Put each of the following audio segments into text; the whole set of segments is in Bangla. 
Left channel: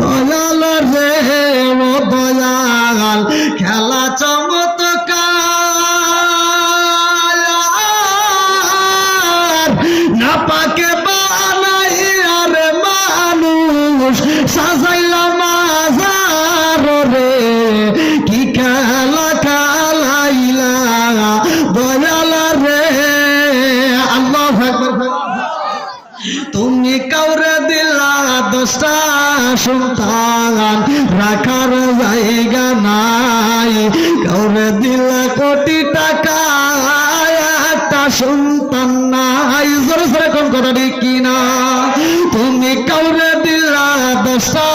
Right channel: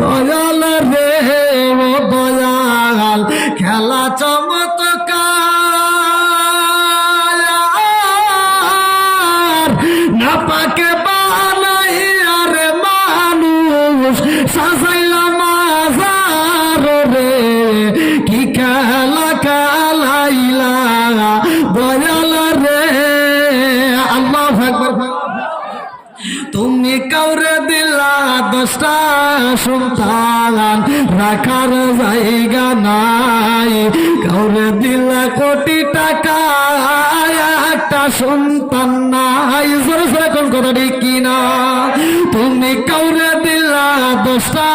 দয়াল রে ও দয়াল, খেলা চমৎকার। না পাকে বানাই আর মানুষ, সাজাইলাম মাজার রে। কি খেলা খেলাইলা, দয়াল রে। আল্লাহ তুমি কাউরে দিলা দশটা সন্তান রাখার জায়গা নাই। কাউরে দিলা কোটি টাকা একটা সন্তান নাই। জোরে জোরে কোন কথা কি না তুমি কাউরে দিলা দশটা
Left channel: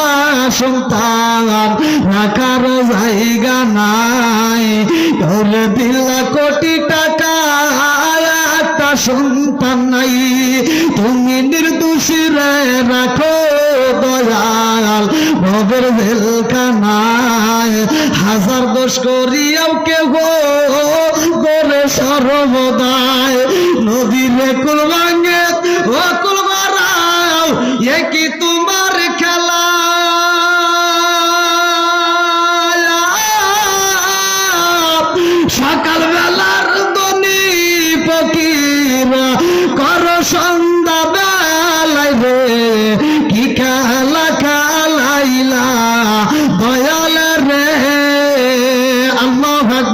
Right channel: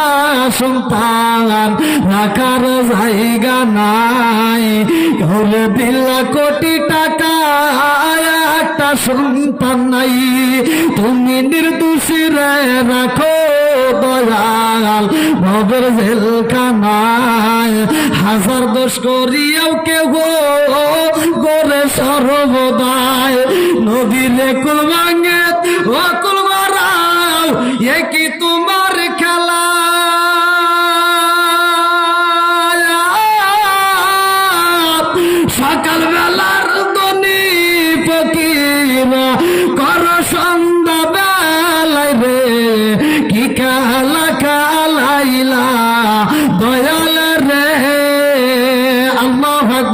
সন্তান রাখার জায়গা নাই। কাউরে দিলা কোটি টাকা একটা সন্তান নাই। তুমি নির্দোষী রে ভবের জেলখানায় হাজার দোষ করিয়াও কেউ করে সর্বদায় নদীর কুল ভাঙে ও কুল একই এ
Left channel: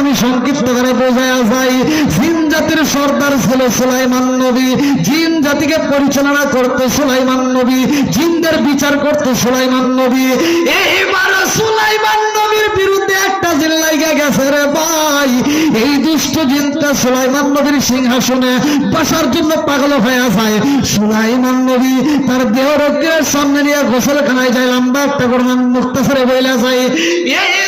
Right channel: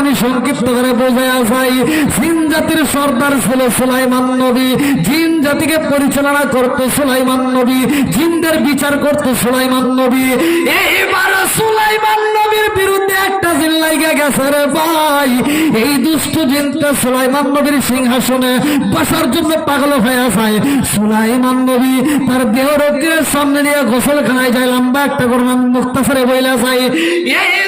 আমি সংক্ষিপ্ত করে বোঝায় জিন জাতির সর্দার ছিল সুলাইমান নবী। জিন জাতিকে পরিচালনা করতে সুলাইমান নবী। জিনদের বিচার করতে সুলাইমান নবী। এইবার সুলাইমান নবীর বিরুদ্ধে একটা গেছে রে ভাই। এই দুষ্ট জিনটা সুলাইমান নবীর সিংহাসনে বসার জন্য পাগল হয়ে যায়। সুলাইমান নবী তার দেহ রোগের সামনে নিয়ে গোসলখানায় যায়। লম্বা একটা গরমান মুক্তাসারে বইলা যায়। এই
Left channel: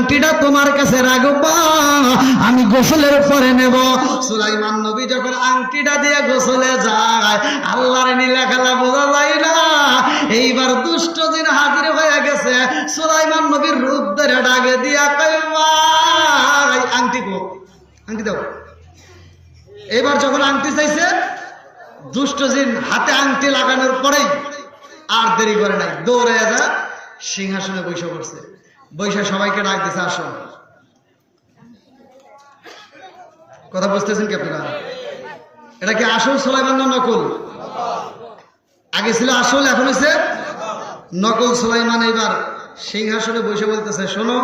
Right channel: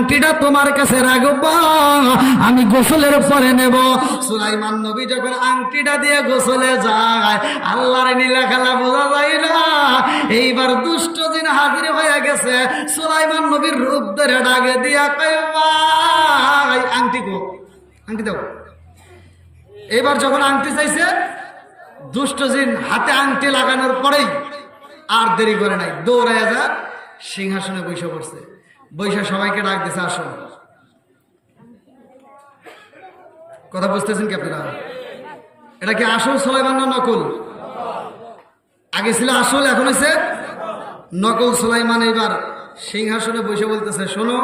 আংটিটা তোমার কাছে রাখব, আমি গোসলের পরে নেব। সুলাইমান নবী যখন আংটিটা দিয়ে গোসলে যায়, আল্লাহর নীলা খেলা বোঝা যায় না। এইবার দুষ্ট দিন হাজির হয়ে গেছে, সুলাইমান নবীর রূপ ধরে ডাকে দিয়া কয়, ভাই, আংটি গো আংটি দাও। এবার যখন আংটি চাইছে, দুষ্ট জিন হাতে আংটি লাগানোর পরেই আর দেরি করে নাই, দৌড়াইয়া যা সিংহাসনে বৈশা পড়ছে। বৈশা, সবাইকে ডাক দিছে, আসো। কথা বুঝতেছেন কি আপনারা? এটা কি আসল সোলাইমান না নকল? আগে ছিল আসল, এখন হয়েছে নকল সোলাইমান। এবার সিংহাসনে বসে বলতেছে, শোনো,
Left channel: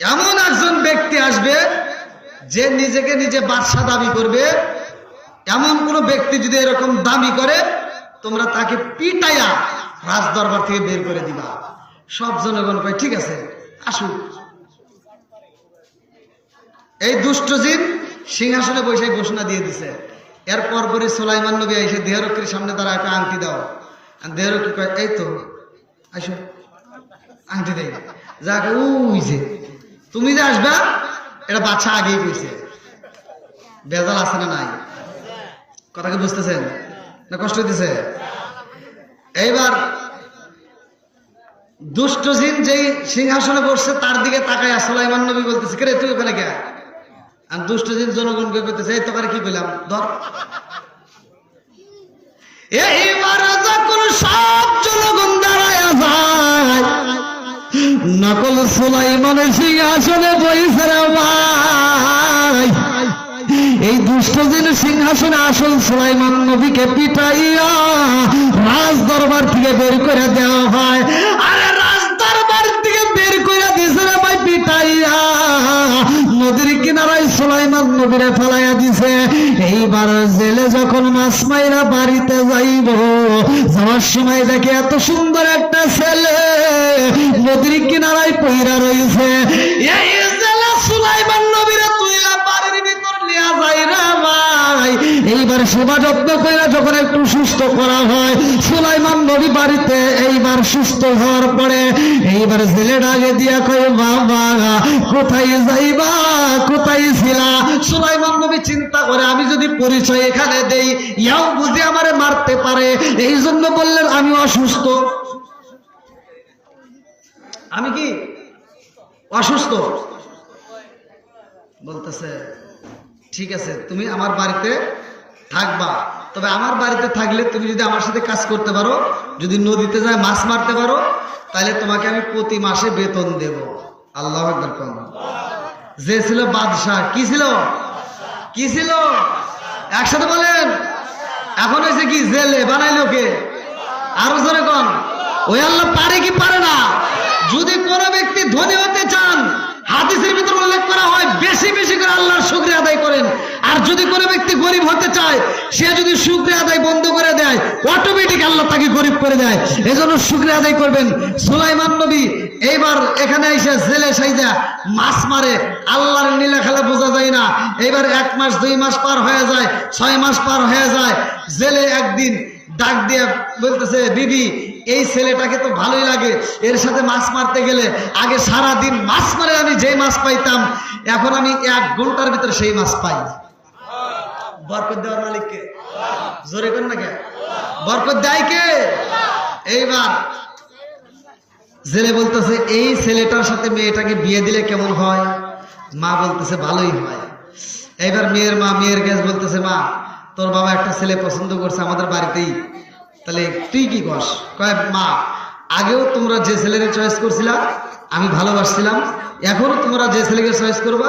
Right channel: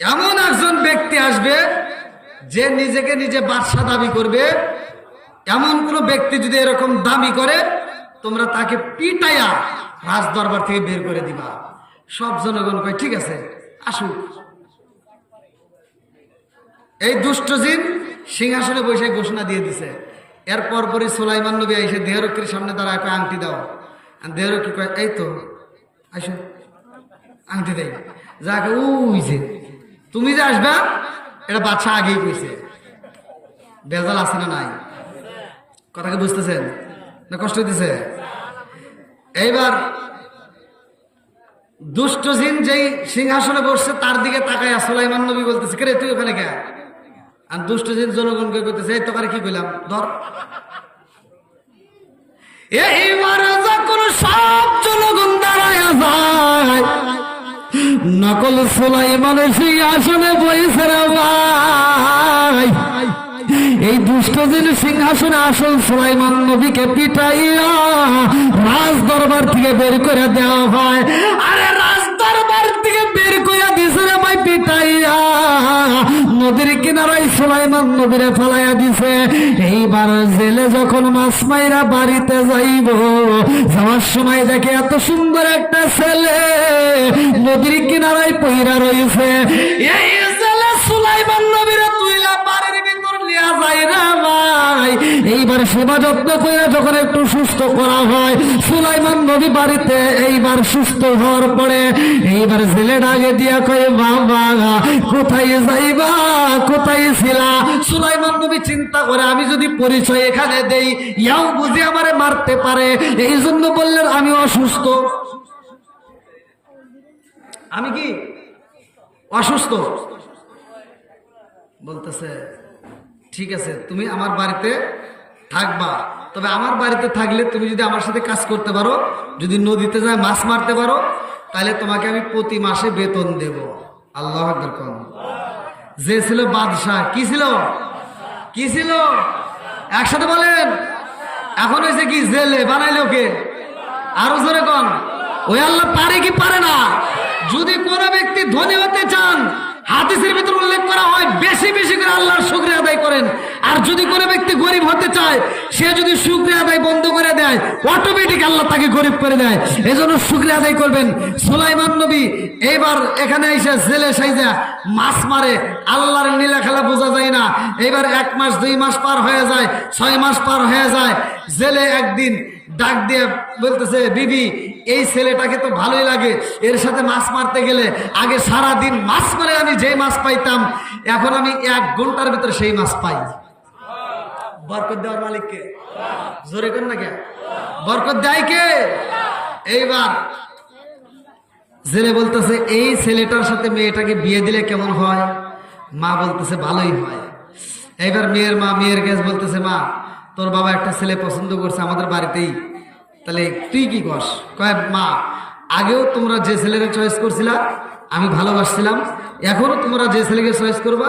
এমন একজন ব্যক্তি আসবে যে নিজেকে নিজে বাদশা দাবি করবে। এমন কোন ব্যক্তি যদি এরকম দাবি করে, তোমরা তাকে পিটাইয়া রাজ দরবার থেকে বের করে দিবা। সব জনগণ কয়, ঠিক আছে আসুক এই দুষ্ট জিন সিংহাসনে বসে ঘোষণা দিয়ে দিছে। এরপর পরে সোলাইমান নবী এসে দেহরক্ষীর সামনে দাঁড়ায় কয়, আংটি দাও। দেহরক্ষী কয়, এই তো, আসো, আংটি দেয় যা উই যে, তুমি যে আসবা, এটা বাচ্চা আগেই কইছে। বেজাল আছে না নাই? কথা কি বুঝতেছেন? না কষ্ট দিছে এইবার দুষ্ট জিন যেই সিংহাসনে বসছে, তার দিকে তাকায়, সুলাইমান নবী বলতেছে, কে তুই ওখানে কে? আর দুষ্ট জিন জনগণকে করতেছে এই তোকারে কি কইলাম? ধর। এইবার যখন সব জনগণ দাঁড়ায় যায়, নকল সুলাইমানের সিংহাসনে বইছে ভাই। এই দুষ্টজির সিংহাসনে আসল সুলাইমান নবীকে পিটাইয়া রাজ দরবার থেকে বের করে দেওয়া সুলাইমান ফলাইয়া দিছে, এইবার জেলে যখন মাছ মাইরা বাড়িতে যাইব, যাওয়ার সময় দেখে এত সুন্দর একটা ছেলে নদীর কিনারায় পইরা রয়েছে এই সুস্থ করা হয়। সুলাইমান নবী বাড়িতে এইবার সুস্থ হওয়ার পরে এইবার জেলে ডাকে দিয়া কয়, বাবা, কোথায় যাইবা? কোথায় ছিলা? সুলাইমান নবী চিন্তা করে, আমি যদি পরিচয় এখানে দেই, ইয়াও বুঝে আমারে মারতে পারে। এই জন্য বললেন, আমি অসুস্থ। আমি কি অসুস্থ? বলতেছে, ঠিক আছে, তুমি আমার বাড়িতে থাকবা। তবে আমার বাড়িতে থাকলে তুমি যদি আমার সাথে কাজ করতে পারো, যদি নদীতে যায় মাছ মারতে পারো, তাহলে তোমাকে আমি প্রতি মাসে বেতন দেব। আল্লাহ যে ছিল বাদশাহ, কি ছিল? কি ছিল? একসাথে বলেন। এখন হয়েছে কি? জেলে বানাইলো কে আরও জোরে কন। ওই আল্লাহ পারে কি পারে না? যদি কোনো ব্যক্তি ধনী হতে চান, হাদিসের ভিতরে উল্লেখ করা হয়, বেশি বেশি করে আল্লাহর শুক্রিয়া আদায় করেন। আর যদি কোনো ব্যক্তি গরিব হতে চায়, সে যদি শুক্রিয়া আদায় বন্ধ করে দেয় অটোমেটিক আল্লাহ তাকে গরিব করে দেয়। এজন্য শুক্রিয়া আদায় করবেন। সুলাইমান নবী এইবার এখানে এসে জেলে সাইজা মাছ মারে। আল্লাহর নীলা খেলা বোঝা যায় না। এবার এক মাস, দুই মাস পার হয়ে যায়, ছয় মাস পার হয়ে যায়। জেলে একদিন ডাক দিয়ে বলতেছে, বিবি, এই ছেলেটাকে তো ভালোই লাগে। এর সাথে মাছ মারতে গেলে আগে সারা দিন মাছ মারে, আমি যেই মাছ পাইতাম। এখন আমি এক ঘণ্টার ভিতরে সেই মাছ পাই। বরকত দেওয়ার মালিককে। জোরে কর না কে? বরকত দেয় কে? এইবার জেলে বলতেছে, এই ছেলেটার সাথে মেয়েটাকে বিয়ে দিলে কেমন হয়? মা বলতেছে, ভালোই হয়। এইবার মেয়ের মা, মেয়ের গ্যাস বলতেছে, মা, তোর বাবা একটা ছেলে পছন্দ করছে আমাদের বাড়িতেই। তাহলে তুই কি কস কয়, মা, আগেও তোমরা যে ছেলেকে চয়েস করছিলা, আমি ভালোবাসছিলাম। এখনও তোমরা যে ছেলেকে চয়েস করবা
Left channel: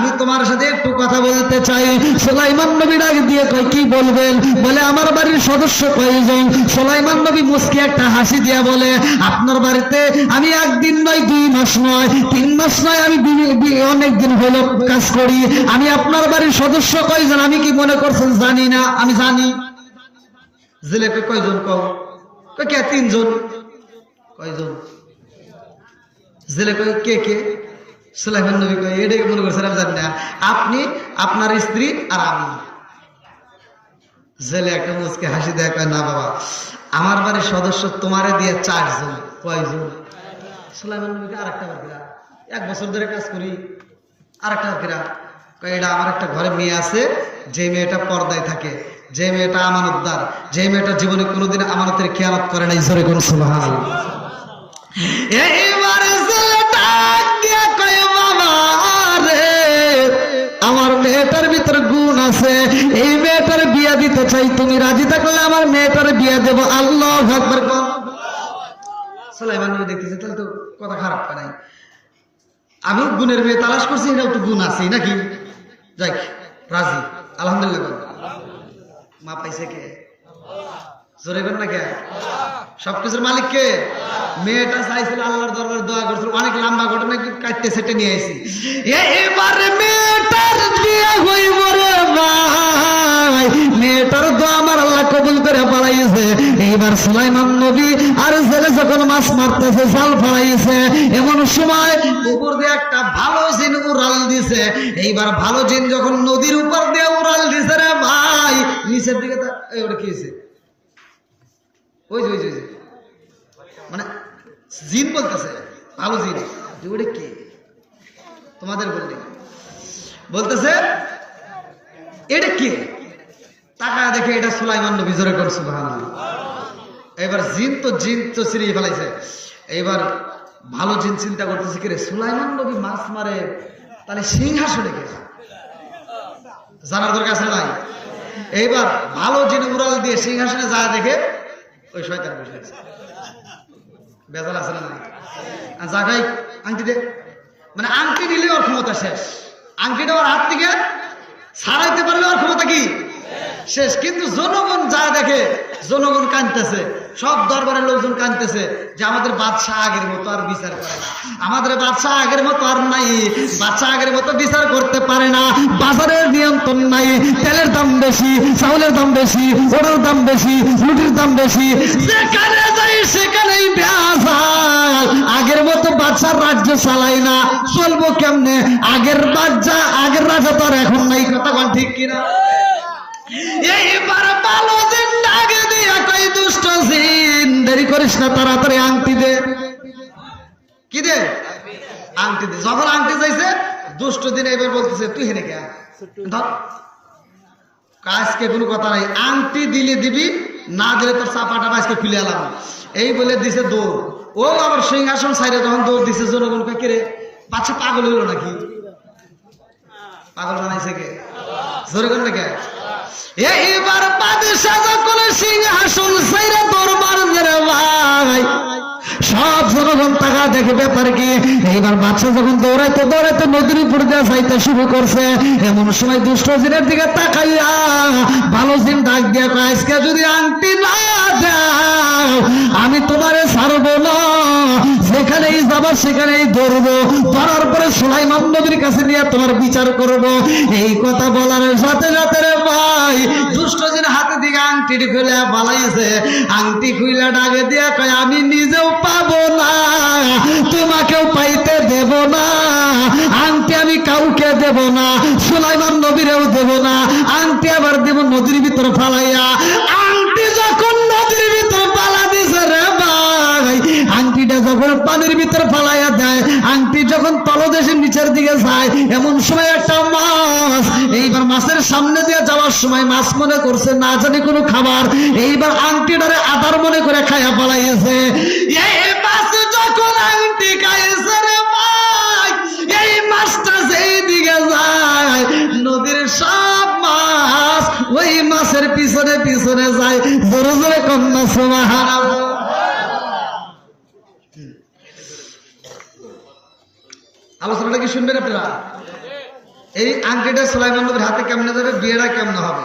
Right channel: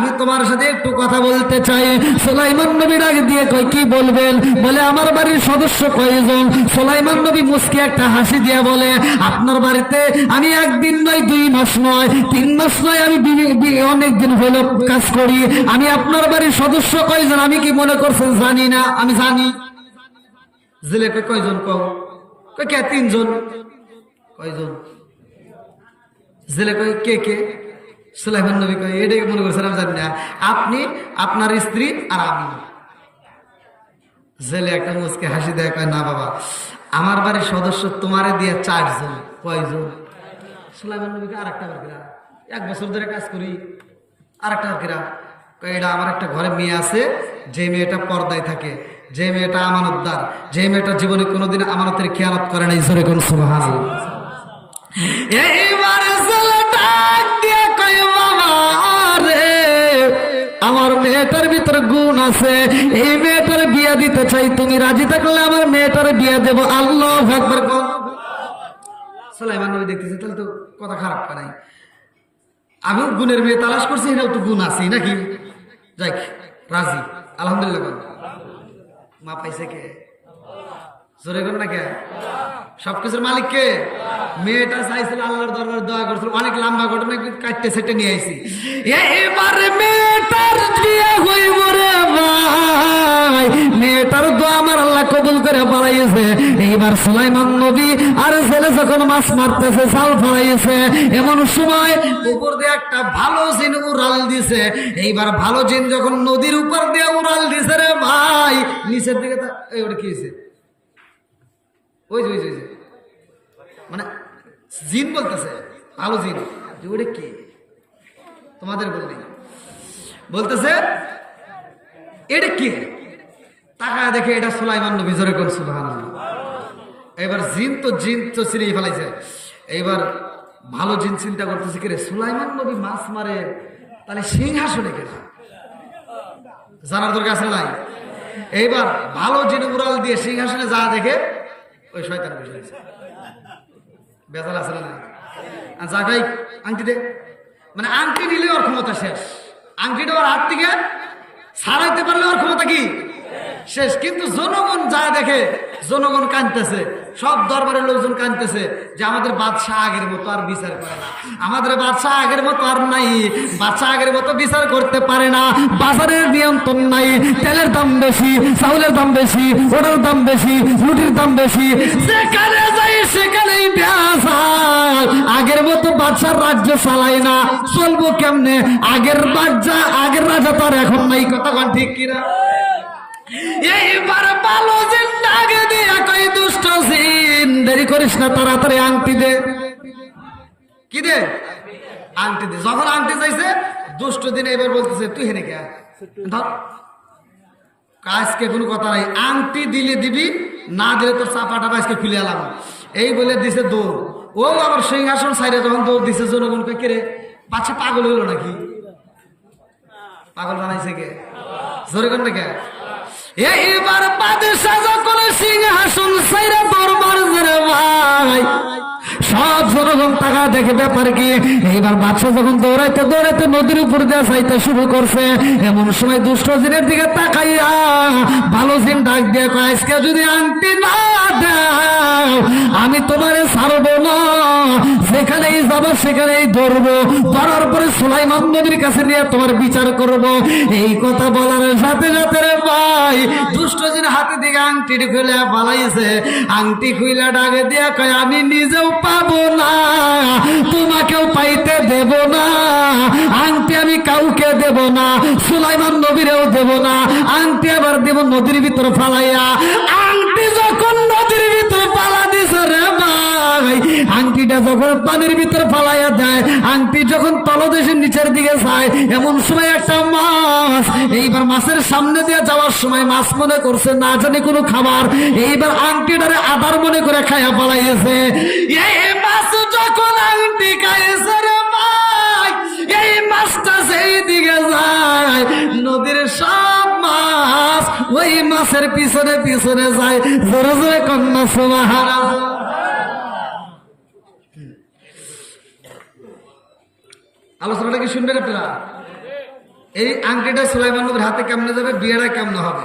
আমি তোমার সাথে একটু কথা বলতে চাই। সোলাইমান নবী ডাক দিয়ে কয়, কি বলবেন? বলে, আমার বাড়ির সদস্য কয়জন? সোলাইমান নবী মুসকে একটা হাসি দিয়ে বলে, আপনার বাড়িতে আমি একদিন নয়, দুই মাস নয়, তিন মাস নয়, আমি অনেক দিন কাজ করি। আমি আপনার বাড়ির সদস্য কয়জন? আমি কি মনে করছেন জানি না, আমি জানি। জেলেপে কয়জন কও? কে? তিনজন? কয়জন? জেলে কয়, কে কে? সুলাইমান নবী কয় এটাই মনে করছেন আমি জানি না। আপনি, আপনার স্ত্রী আর আমি। জেলে একটা মুসকে হাসি দেয়, কয়, না বাবা, আমার বাড়ির সদস্য তোমারে দিয়ে চারজন, কয়জন? সুলাইমান নবীকে আর একটা বাকিরা এক বছর ধরে কাজ করি আর একটা বাকিরা কয়, এটা আমার একটা ঘরে মেয়ে আছে, যে মেয়েটা পর্দায় থাকে, যে মেয়েটা আমানতদার, যে মেয়েটা জীবনে কোনোদিন আমানতের খেয়ালত করে নাই। জোরে কোন সুবহান বিয়ে তুমি রাজি থাকলে আমার মেয়েটার বিয়ে দেব। আল্লাহ দেখতেছে, তাহলে তো কথা খারাপ আমি গুণের মেয়ে তালাশ করছি গুণ আছে নাকি? যাই, রাজি, আলহামদুলিল্লাহ। মা পাইছে কে? জোরে কর না কে? সবকিছুর মালিক কে? মেয়েটা চাইছিল আল্লাহর দরবার দোয়া করছিল, অনেক লম্বা ঘটনা কাটতে সেটে নিয়ে আইছি। এবারে মেয়েটার পড়াইছে এইবার সুলাইমান নবী আর ছেলে যখন মাছ মারতেছে, জাল ফলাইছে, এমন সময় উপর দিয়ে একটা ভালো জিন উড়াল দিছে। এইবার ভালো জিন যখন নদীর উপর দিয়ে উড়াল দিছে রে ভাই, নিচের দিকে ওটা কি হয়েছে? ওই যে ওই যে মানে জিন বলতেছে, ভালো জিন। ওটা কি? তোমাদের বললি বলতেছে, এটা কি? টাকা দেখে এটা সুলাইমান নবী, জোরে করে সুবহানাল্লাহ। এবার জিন তো জিন তো সিরিয়ে ফেলাইছে। এইবার ভালো জিন চিন্তা করতেছে কি রে, সুলাইমান নবী মাছ মারে, তাহলে সিংহাসনে কে? জানার দরকার আছে নাই? এইবার ভালো জিন উড়াল দিয়ে সিংহাসনে যা দেখে, ওই শয়তান বসে আছে। বেজাল আছে না নাই? আর জাগাই আংটি দে। মানে আংটি নিলে ওর ক্ষমতা শেষ। আংটিটা ওর হাত থেকে ছাড়াইতে পারলে ওর ক্ষমতা কি? শেষ। কিন্তু জনগণ যা দেখে, জনগণ কাঁদতেছে সব দরবারের লোকজন কানতেছে যে আমাদের বাদশাহ আগের মতো আর বিচার করে না। আমাদের বাদশাহ আগের মতো আর নাই। বাদশাহ আগের মতো বিচার করতে পারে না। বাজারের নিয়ন্ত্রণ নাই। তেলের দাম বেশি, চাউলের দাম বেশি, ওরের দাম বেশি রুটির দাম বেশি। যেখানে যাই সেখানেই আগের মতো বাদশার রাজ্য চালাই না। চলবো কেমনে? আগের বাচ্চা আগের রাজা তো আর এখন নাই। কথা ঠিক কিনা? এইবার করিস না তাড়াতাড়ি আংটি দে। কি দে? আংটি দে। যখন আংটি চাইছে, দুষ্ট দিন এবার বলতেছে, তুই হেনে ধর। আজকে কোনো কথা নাই। আংটি দিলে দিবি, না দিলে তোর চাপা টাপা আজকে খুলে এলাম। এই বলে দিছে দৌড়। ও আবার সিংহাসন সাইডে যখন দৌড় দিছে, জনগণ কে রে? বাচ্চা পাগল হলো নাকি? পাগল বানাইছে কে? জোরে কর না কে? এইবার বাদশাহ যখন সিংহাসন সাইরা দরবার জেরে ভাই, সব জনগণ টাকা দেখে ব্যাপার কি, এইবার বাদশাহ যখন দৌড়াইতে দৌড়াইতে নদীর উপর দিয়ে যাইতে শুরু করছে, এমন সময় দুষ্ট জিনের দিকে তাকাইয়া ভালো জিন ডাক দিয়ে আজকে যদি আংটি না দাও, আমি তোমারে ছাড়বো যেখানেই যাব সেখানেই ধরবো। ধরার পরে সুলাইমান নবীর কাছে নিয়ে তোমার বিচার করব। এই কথা বলার সাথে সাথে রে ভাই দুষ্টজির হাতে দিকে আংটি খুলে পালাইছে। আংটি খুইলা ডাকে দিয়ে কয়, আমি নিজেও পাবো না, তোমাকেও পাইতে দেব না, আংটি আমি কাউকে দেব না, সুলাইমান নবীরেও দেব না, আংটি আবার দেব নদীর ভিতরে ফালাইয়া। আংটিটা যখন পানির ভিতরে ফালাইয়া দেয়, আংটি যখন তলদেশের নিচের দিকে যায়, এমন সময় একটা মাছ, এইবার মাছের সামনে দিয়ে যাওয়ার সময় মাছ মনে করছে, না জানি কোনো খাবার। এইবার আংটিটারে আদার মনে করে খাইয়া যায় মাছ ওই মাছের পিছনে পিছনে যায়। জোরে জোরে কন্যা সুবাহারা আলোচনাটা কি শুনবেন আপনারা? এই আংটিটা সুলাইমান নবীর হাতে কেমনে যাবে, বিয়েটা কেমনে হবে?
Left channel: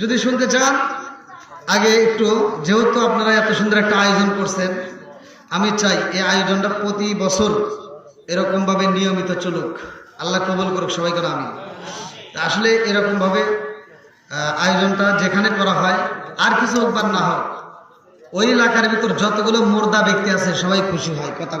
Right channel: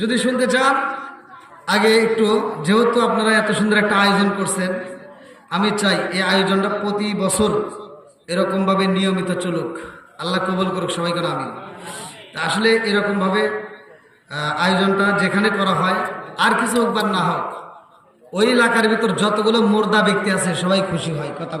যদি শুনতে চান, আগে একটু, যেহেতু আপনারা এত সুন্দর একটা আয়োজন করছেন, আমি চাই এই আয়োজনটা প্রতি বছর এরকমভাবে নিয়মিত চলুক। আল্লাহ কবুল করুক সবাইকে আমি। আসলে এরকমভাবে আয়োজনটা যেখানে করা হয়, আর কিছু হোক বা না হোক ওই এলাকার ভিতর যতগুলো মোর্দা ব্যক্তি আছে সবাই খুশি হয় কথা